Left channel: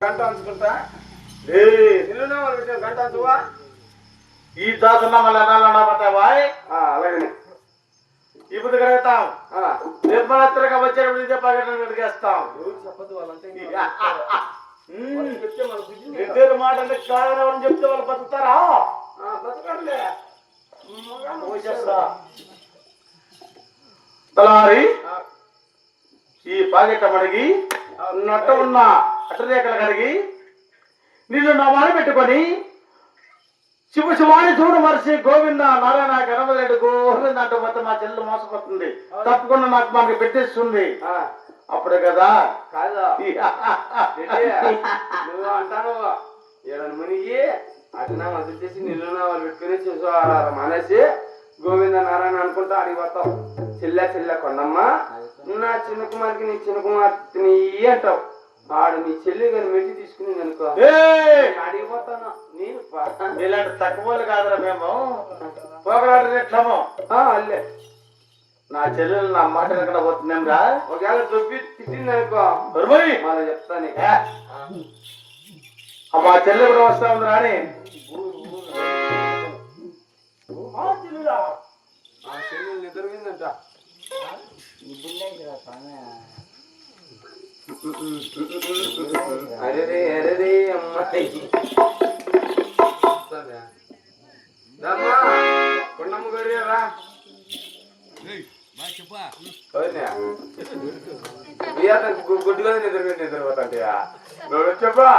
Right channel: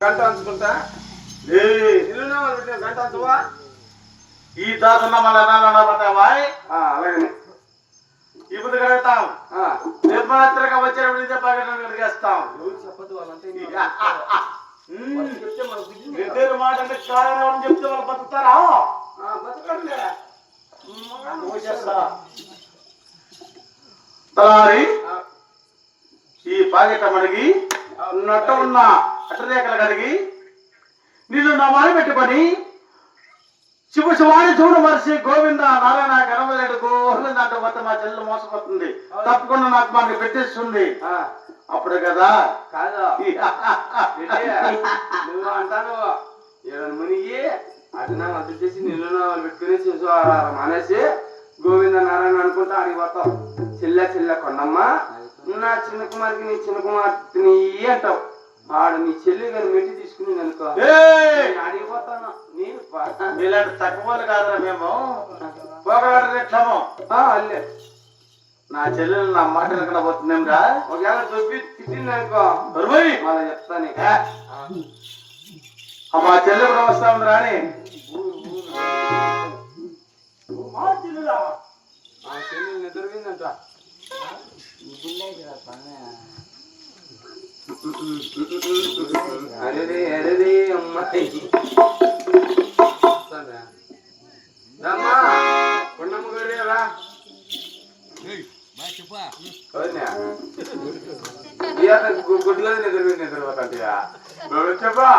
గంట అంచుకుంటా ఇల్లునా వాళ్ళు గంట అంచువా ఈ దాసున్న మన పోతావాయ్ అలాగనే ఇప్పుడు కడతాం నిర్మలత్రగా వచ్చేటప్పుడు ఇదే పగటం కడిగేస్తాం చెప్పదు వాళ్ళంతా ఇద్దరు మాట అంటే కారణం చెప్తే వాళ్ళు బతుకుతారా బతకట్లే తలారి ఈ పాకెట్ మనకి నట్ట ఉన్న అట్టరేఖలు కడిగి నీళ్ళు నమాని పెట్టుకొని శివ శివాని చూడు మరిచి గోవింద నారాయణ గణపతి గోవింద అంటే మొత్తం మా చెల్లెలు మోసపోతుంది తప్పకుండా నాకు మనకి పెట్టేస్తుంది అప్పుడు కదా కాదు నువ్వు అంటాను మునిగి అటునా వదిలి చేసి నిన్ను వాళ్ళు పెట్టుకుని మానేసి గోవింద నారాయణ అనుకుంటా అడిగి పోతావు చెల్లె కొండమ్మ నువ్వు నా చిన్న కుమార్కి నీ చిన్న కుమార్తె నీ అంటావు వాడు నీ చెల్లి గారు మెట్టి తీసుకుని అనుకో అడిగిపోతాను నేను ఇలాంటి తక్కువలు కాదురా మేము పోగలాడేట్లేమో అల్లే నా చెల్లెలు నా మాట ఎక్కడ పోతుందేమ్రా ఒకవేళ చెప్పి తిట్టింది అనుకో వాళ్ళు చెప్తాను మా చెల్లెలు కూడా వస్తా ఉంది రాని చెల్లి నిద్రపోయిందంట అరే అరే అమ్మాయి కొండమ్మ గడియారా గుడ్లో నిద్రపోతాంటయా చెప్పా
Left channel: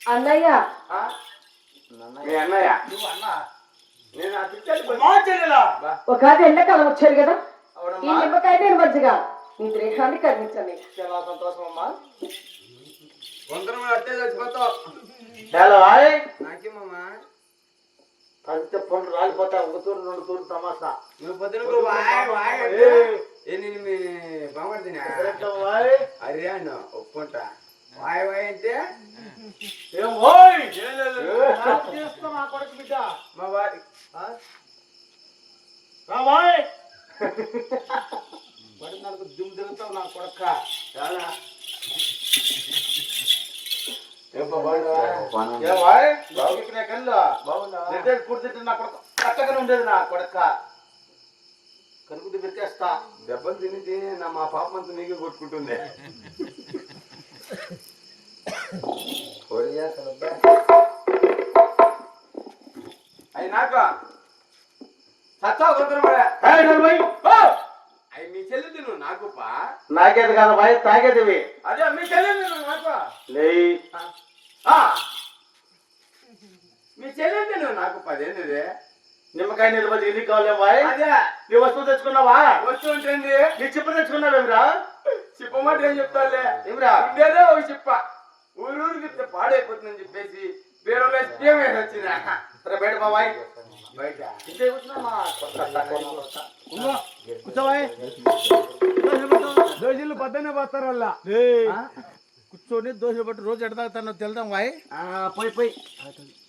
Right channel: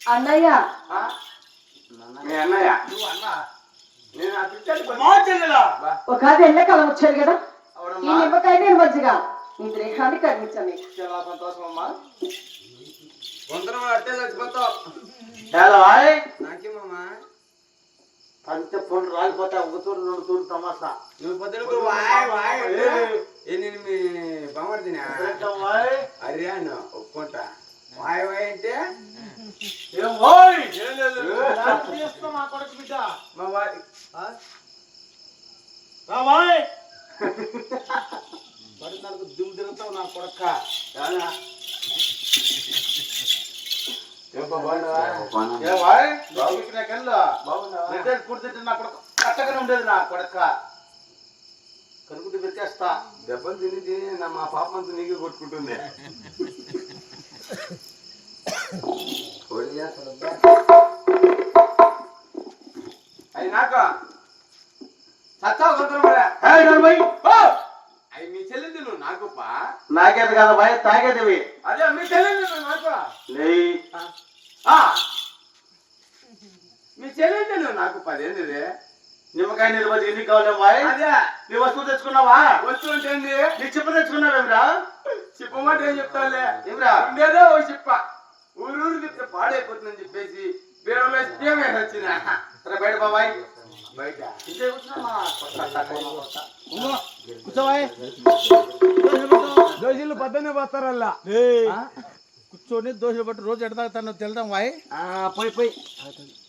అన్నయ్య ఒక ఎండాకాలం వచ్చారు కదా ఈ నిమ్మకాయ నేను మంచిగా నీ దేహాన్ని కర్మించాను చాలా సంతోషం అమ్మా వందరం అట్టే చచ్చిపోతావు నాకేమమ్మా అంతే ఫోన్ రాలిపోతా ఒక తూరు రెండు తూరు తమాసా నువ్వు పొద్దున నేను మీ బామర్దినా అరే అన్న ఒప్పుకుంటా వాయ్ వాయ్ అంటే మా కొడుకు బిడ్డ మా వారి పడి నాకు దుమ్ము తిరుగుతావు నా కొడక పూర్తి నా కొడక కట్టగానే ఉండేది నా కొడక కనుకుంటూ పెట్టేస్తా దెబ్బలు తిని తిని మా పాప అంతా నీకే కొట్టుకుంటుంది అయినాక అవి మీ చెల్లి తిను నాకు నాకేది కదా భయ తాగేదివి అదే మీ చెల్లి తిను నాకు మీ చెల్లి తిను నాకు 10 ఏంటిది నిమ్మకాయ నీళ్ళు ఎన్ని కావాలి బాయ్ అదే నీ వస్తువు తెచ్చుకున్నావా వస్తువు ఉంటుంది నీ చెప్పు తెచ్చుకున్నావేమిరా చెప్పమాట ఏం చెప్తాలే ఏమిరా ఉండేదే ఓ చెప్ప వేసి బీరువాలో వేసి బియ్యం వేసి వచ్చిన సరే బయట బాబాయ్ బయట ఇంతే కూర్చున్నా కూర్చోవాయ్ దోశలు పొద్దున్నే పోతారల్లా కూర్చొని దోశ పట్టు రోజు ఎడతాను తెలుదాం వాయ్ పోయి పోయి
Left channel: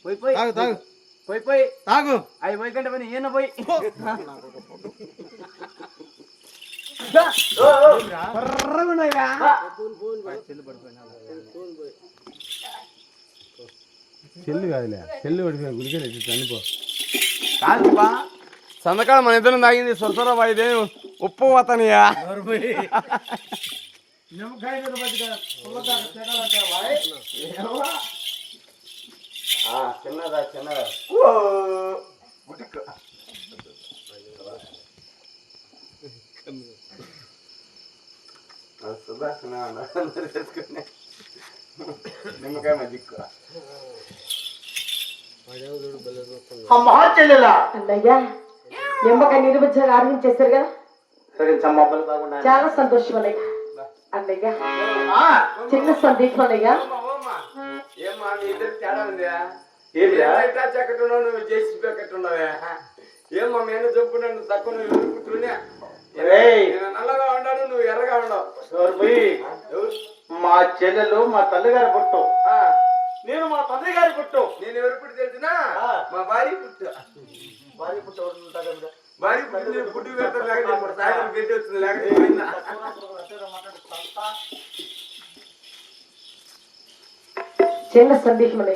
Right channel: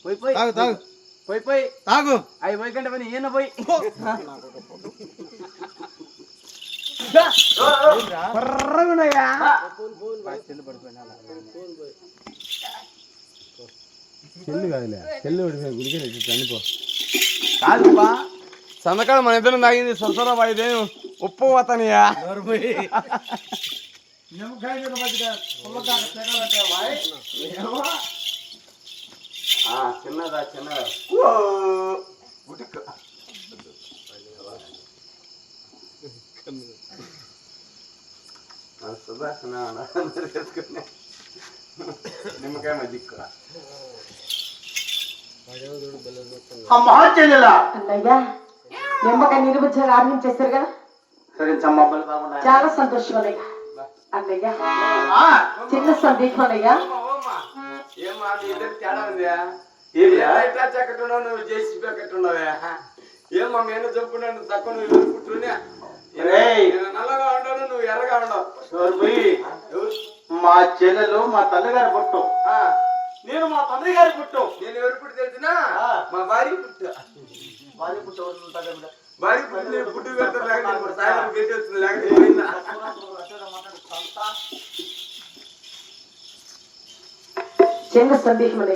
పోయి పోయి తాగు తాగు పోయి పోయి తాగు అవి పోయి కంటే పని ఈయన పోయి పర్రగున్నాయా చెల్లు కాదులే చెల్లు పడిపోయి గుడికి చనిపో కాదుపా సంతకాలం మన ఇద్దరం తాగింది సొరసర వాయిదే ఉప్పు పోతానియా పోయి నిమ్మకాయ మీద మధ్యగా పుల్లగా తెగలంటే వాయ్ చిన్నదా చిన్నదా సుదర్శన నిమ్మకాయ మజ్జిగ అమ్మా చెల్లెలా అన్నయ్య నిమ్మకాయ నిలుబుచ్చగా ఆరంభించేశారు కదా సరే చమ్మబ్బలు కాకుండా చాలా సంతోషం అన్నయ్య. అన్నయ్య చిన్న సందేహం అన్నయ్య. ఏమా మీ ఇద్దరు తేడా ఉందా ఏమిరా? ఎట్లా చెక్కట్టున్నావు నువ్వు చేసి పెట్టున్నావే ఏమో నేను చెప్పుకున్నాను తక్కువ నువ్వు ఎదుర్కొంటున్నా రేయ్. నేను నల్లగా ఉన్నాను నువ్వు ఎర్రగా ఉండవు ఎవరు? మా చెల్లెలు మా తల్లిగారి పుట్టు ఆ, నేను మా తండ్రి గారి పుట్టు నేను ఎవరు పుట్టి తెలిసినా మా భార్య పుట్టు వారి పుట్టు ఎవరు ఉంటారు కదా? భార్య పుట్టి నేను పుట్టు పెడతాను లేకపోతే సాయంత్రం గట్టి వస్తుంది లేకపోతే పోయిందా? చిన్న సందేహం అన్నయ్య.